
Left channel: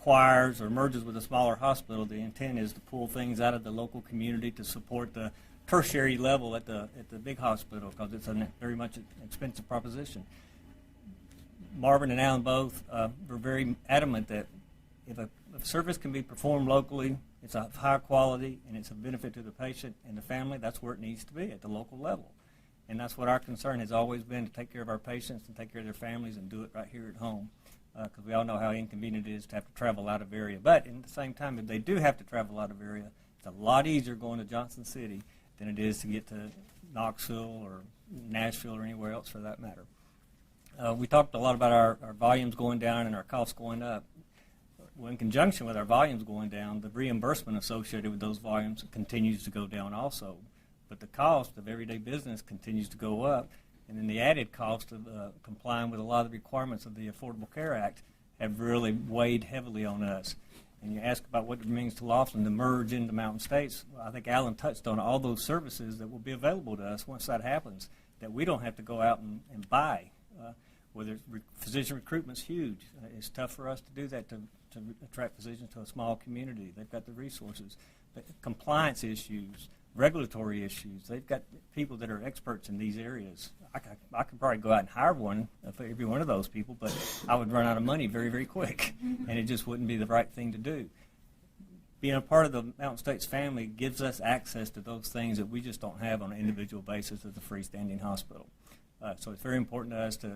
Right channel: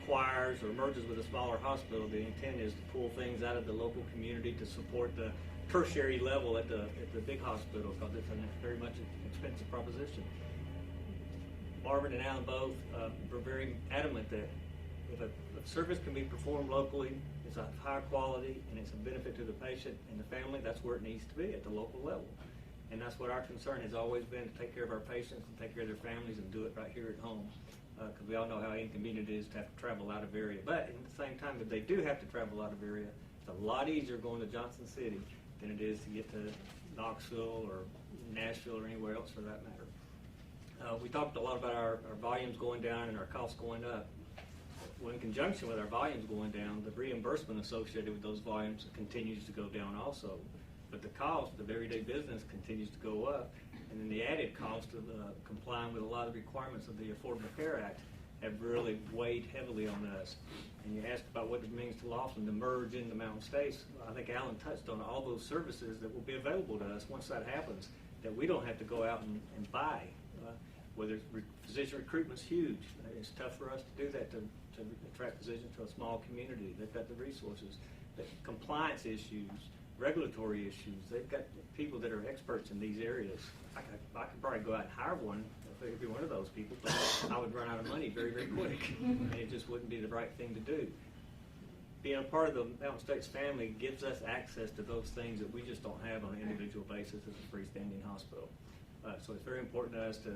acquires or merges with a smaller hospital, the intent is to pull things out of the local community to support the tertiary level at the big hospital, because it's a very much an expensive proposition. Marvin and Alan both were very adamant that if a service can be performed locally, it's of high quality, and it's a benefit to the patient and the family, that's where it needs to be, at the local level. And that's what our concern has always been, to take care of our patients and take care of their families and do it right here at home. Because we all know how inconvenient it is to have to travel out of area. But at the same time, if they do have to travel out of area, it's a lot easier going to Johnson City than it is to get to Knoxville or Nashville or anywhere else for that matter. We talked a lot about our volumes going down and our costs going up. Well, in conjunction with our volumes going down, the reimbursement associated with those volumes continues to go down also. But the cost of everyday business continues to go up, and then the added cost of complying with a lot of the requirements of the Affordable Care Act have really weighed heavily on us. And you ask about what it means to Laughlin to merge into Mountain States. I think Alan touched on all those services that will be available to us once that happens, that we don't have to go out and buy. Whether physician recruitment's huge. It's tough for us to do that, to attract physicians to a small community. They've got the resources. But compliance issues, regulatory issues, they've got people that are experts in these areas. I could probably go out and hire one for every one of those people, but I would run out of money very, very quick, and it just wouldn't be the right thing to do. Being a part of the Mountain States family gives us access to those things that we just don't have on an individual basis as a freestanding hospital. So it's very important to us to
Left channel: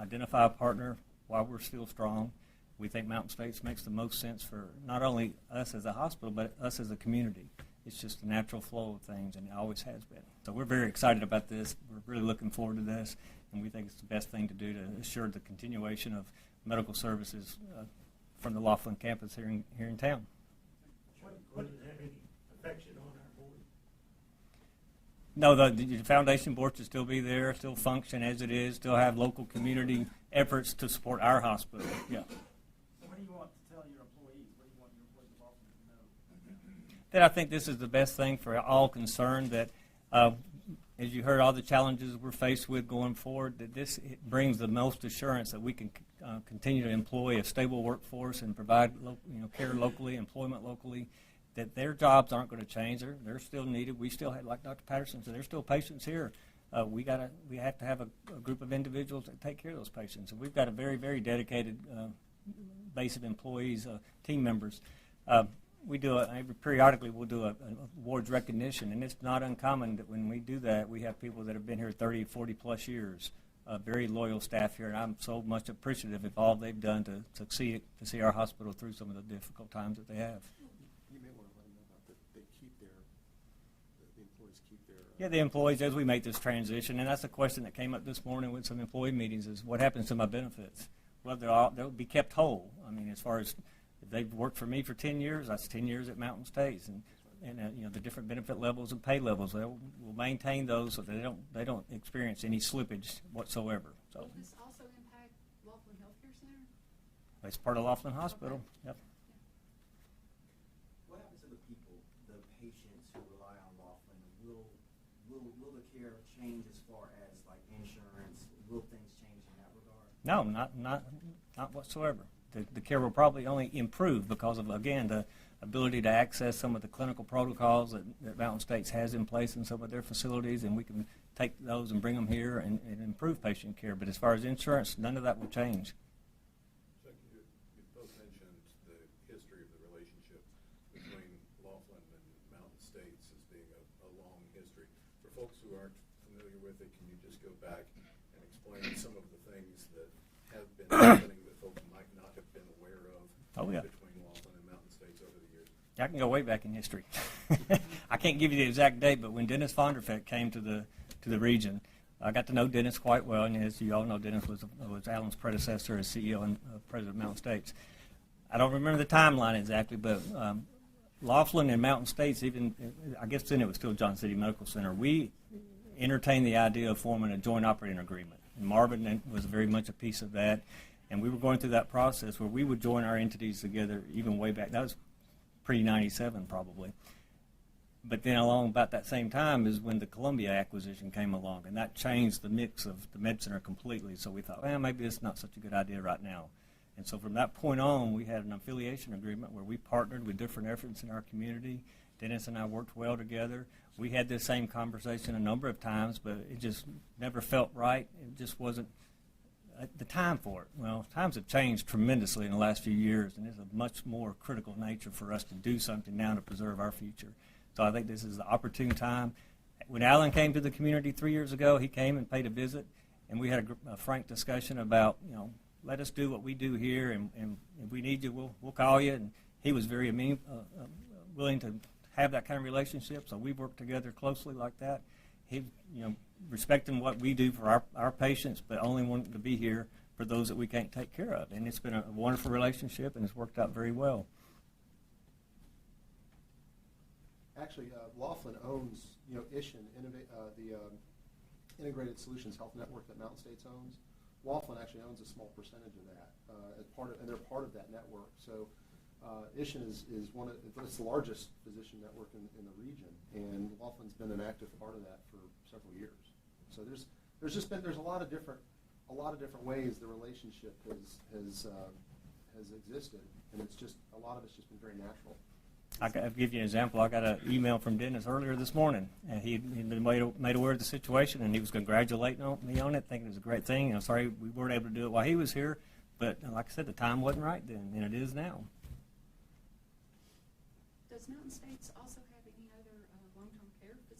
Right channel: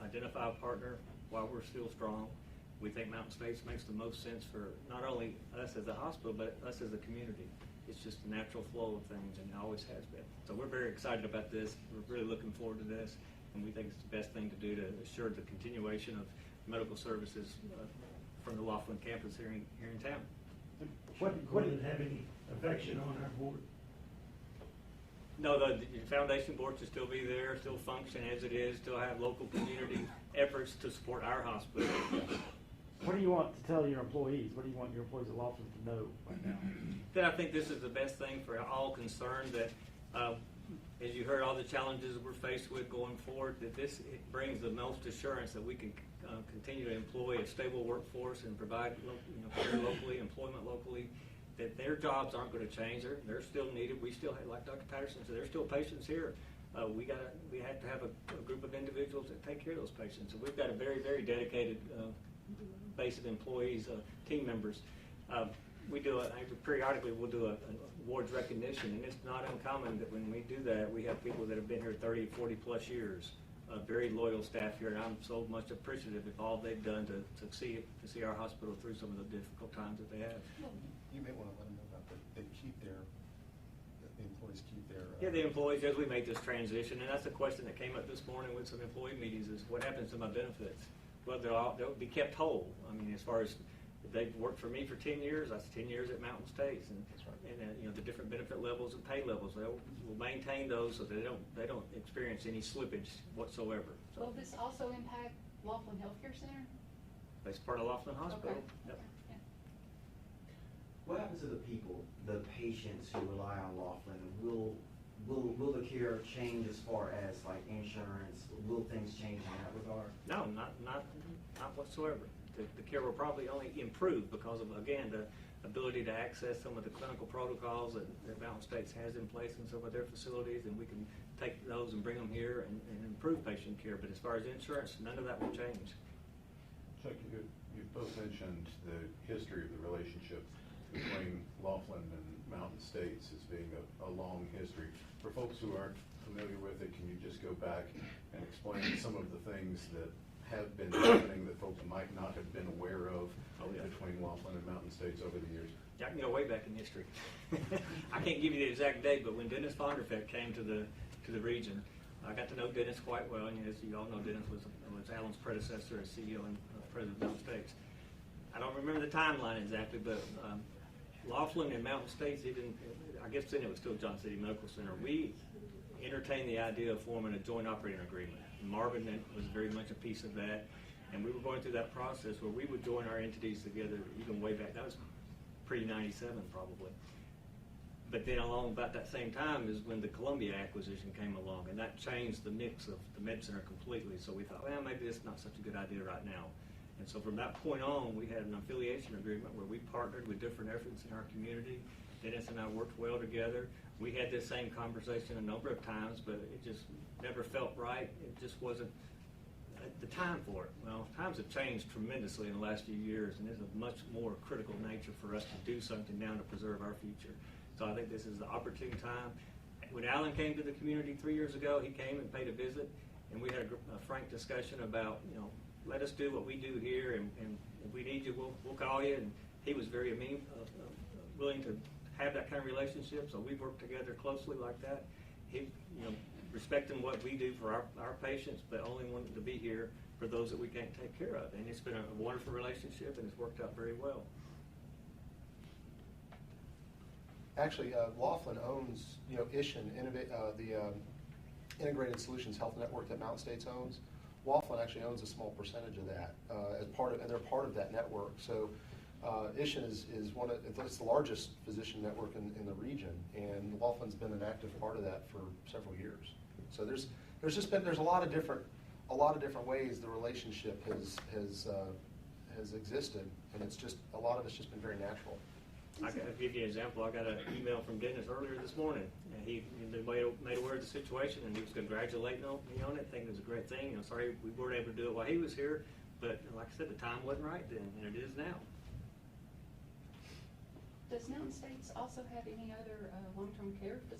identify a partner while we're still strong. We think Mountain States makes the most sense for not only us as a hospital, but us as a community. It's just a natural flow of things, and it always has been. So we're very excited about this. We're really looking forward to this, and we think it's the best thing to do to assure the continuation of medical services from the Laughlin campus here in town. Would it have any affection on our board? No, the foundation board should still be there, still function as it is, still have local community efforts to support our hospital. Yeah. What do you want to tell your employees? What do you want your employees at Laughlin to know right now? That I think this is the best thing for all concerned, that as you heard all the challenges we're faced with going forward, that this brings the most assurance that we can continue to employ a stable workforce and provide care locally, employment locally, that their jobs aren't going to change. They're still needed. We still have, like Dr. Patterson said, there's still patients here. We have to have a group of individuals that take care of those patients. And we've got a very, very dedicated base of employees, team members. We do periodically we'll do an awards recognition, and it's not uncommon that when we do that, we have people that have been here 30, 40 plus years, very loyal staff here, and I'm so much appreciative of all they've done to see our hospital through some of the difficult times that they have. You may want to let them know about that the employees keep their. Yeah, the employees, as we make this transition, and that's a question that came up this morning with some employee meetings, is what happens to my benefits? Well, they'll be kept whole. I mean, as far as if they've worked for me for 10 years, that's 10 years at Mountain States, and the different benefit levels and pay levels, we'll maintain those so that they don't experience any slippage whatsoever. So Will this also impact Laughlin Healthcare Center? it's part of Laughlin Hospital. Okay. Yep. Yeah. What happens to the people, the patients who rely on Laughlin? Will the care change as far as like insurance? Will things change in that regard? No, not not whatsoever. The care will probably only improve because of, again, the ability to access some of the clinical protocols that Mountain States has in place in some of their facilities, and we can take those and bring them here and improve patient care. But as far as insurance, none of that will change. Chuck, you both mentioned the history of the relationship between Laughlin and Mountain States as being a long history. For folks who aren't familiar with it, can you just go back and explain some of the things that have been happening that folks might not have been aware of between Laughlin and Mountain States over the years? I can go way back in history. I can't give you the exact date, but when Dennis Vonderfet came to the region, I got to know Dennis quite well, and as you all know, Dennis was Alan's predecessor as CEO and President of Mountain States. I don't remember the timeline exactly, but Laughlin and Mountain States, even, I guess then it was still John City Medical Center, we entertained the idea of forming a joint operating agreement. And Marvin was very much a piece of that, and we were going through that process where we would join our entities together even way back. That was pre-97 probably. But then along about that same time is when the Columbia acquisition came along, and that changed the mix of the med center completely. So we thought, well, maybe this is not such a good idea right now. And so from that point on, we had an affiliation agreement where we partnered with different efforts in our community. Dennis and I worked well together. We had this same conversation a number of times, but it just never felt right. It just wasn't the time for it. Well, times have changed tremendously in the last few years, and it's a much more critical nature for us to do something now to preserve our future. So I think this is the opportune time. When Alan came to the community 3 years ago, he came and paid a visit, and we had a frank discussion about, let us do what we do here, and if we need you, we'll call you. And he was very willing to have that kind of relationship, so we've worked together closely like that. He, respecting what we do for our patients, but only wanting to be here for those that we can't take care of. And it's been a wonderful relationship, and it's worked out very well. Actually, Laughlin owns, ISHN, the Integrated Solutions Health Network that Mountain States owns. Laughlin actually owns a small percentage of that and they're part of that network. So ISHN is it's the largest physician network in the region, and Laughlin's been an active part of that for several years. So there's a lot of different ways the relationship has existed, and a lot of it's just been very natural. I'll give you an example. I got an email from Dennis earlier this morning, and he'd been made aware of the situation, and he was congratulating me on it, thinking it was a great thing. I'm sorry we weren't able to do it while he was here, but like I said, the time wasn't right then, and it is now. Does Mountain States also have any other long-term care facilities?